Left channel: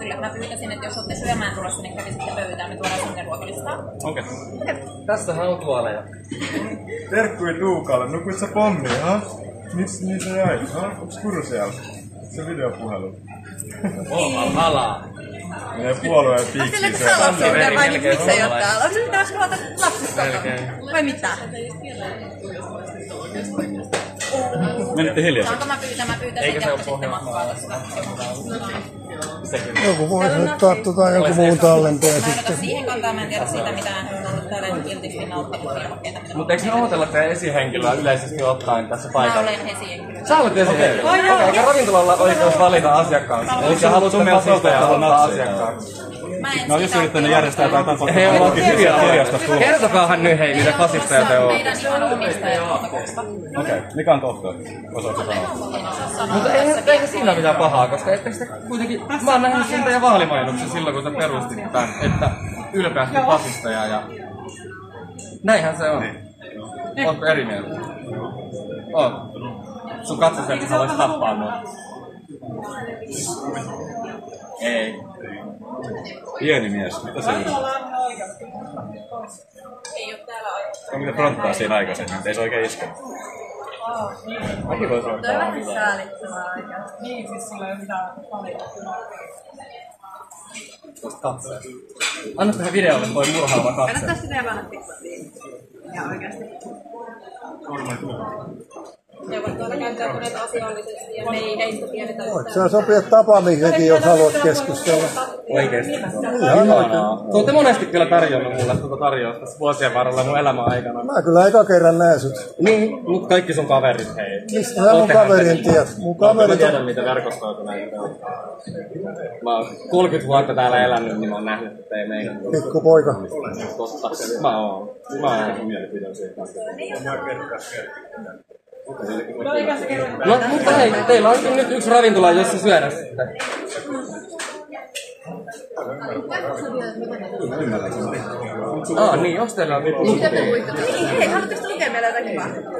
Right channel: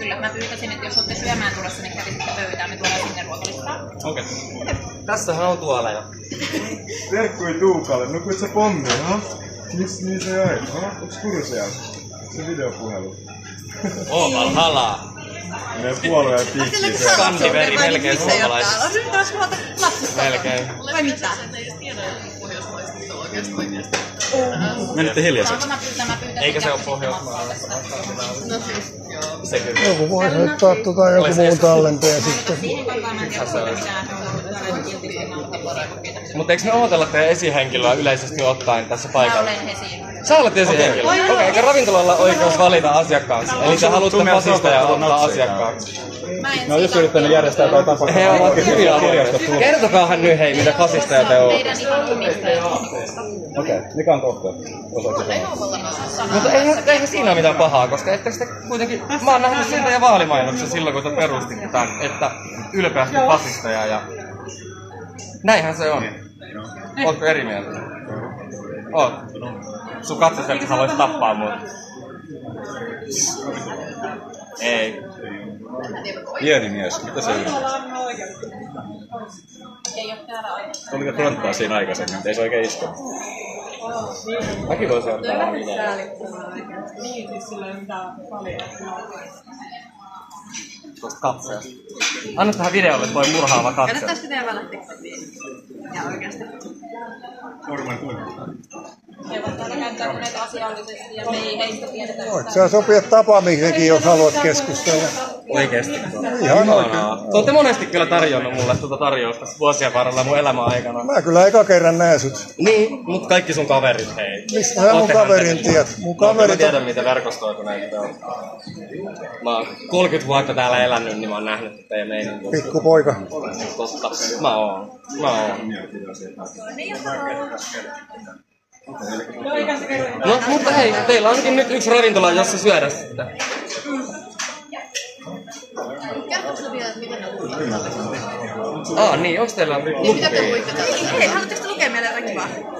Kyllä, mä pyytäisin, että jos olette syömään tulossa, niin kävisitte pöytään, me tuodaan sinne ruokalistaa. Okei. Tässähän on tuoleja. Terkkui Tuukalle, nukuit sä pommia, ha? Miks niin sä jäit, ha? Onks Kursiaus? Se videopuhelu. On halaa. Menee puolueen piikkiin. Onko se lapsuuden vai niin miksei ole täällä? Onko se pitäisi huolta lapsista? Melkein. Vai mitä? Menitte hiljaiseksi. Saanko mä pyytäisin, Eikö se ole että jatkaisitte matkaa tästä? Joku voi soittaa joku muun tallenteen sitten. Siihen kantaa mä en tiedä siitä mitään, että on täällä kiltisti nauttimaan kokeita. Mutta eikö ne ootella teidän esihenkilöä yleisesti ottaen tässä Mä paikalla? olen esihenkilö. Sä olet esihenkilö? Okei, eikä ravintolalla oikeus valita asiakkaansa. Eli sä haluatte fasista ja ottaa asiakkaaksi. No jos yrittänyt järjestää jotain tapaa. He ovat hyviä aloja. Kertokaahan nyt hei, mitä fasisteja te ootte. Meidän ihan omistajat. Okei, mikä on tohto? Osaatko sanoa? Mutta eihän siinä ole mitään pahaa, koska ette sitä kuitenkin... Mä oon nähnyt sen teidän vaalimainoksen silloin, kun te perustitte tämän, että ylpeästi fasisteja ja... Näinhän se on. Ootko eri mieltä? Oot. Sun katsoselta haluais tappaa mua. Ei. Pieni mies, mitä se on? Ei oo täällä oikeastaan. Oliko fronttaa siinä aikaisemmin, ei se oikein iske. Mäkin voisin ottaa mitään. Säälittävää oikeasti. Niin, siis sillä ei ole mitään paljon. Tuosta katseesta. Anna tähän videolle toi murhaava katse. Kannattaisiko teidän panna TikTokiin? Ja oikeasti. He ovat täällä käyttäytyneet asiallisesti ja me ei heistä tiedetä Voit sä sopia tapaamisenkin, jos haluat keskustella. Oikeesti. Ihan oikein. Te ootte monesti kyllä tarjonnut mulle tuota tarjousta vuosien varrella mun elämän aikana. Mä kyllä eka kerran näen sut. Niin, mut kaikki sun kaverit hei. Mistä sä mun kaverin tiedät? Mun Mä kaverit tiedän on... mitä verkostoituneita te on. Mä oon 30 vuotta täällä elänyt, niin mä oon nähnyt, että ei meinaa. Pikkupoika. Totta. Mä oon. No, mutta hei, teillä onkin nyt yksi ravintola, jossa syödä sitten. Niin, onks teillä... Mitä te luitte? Hei, haluatteko lukea meille jotakin vaan?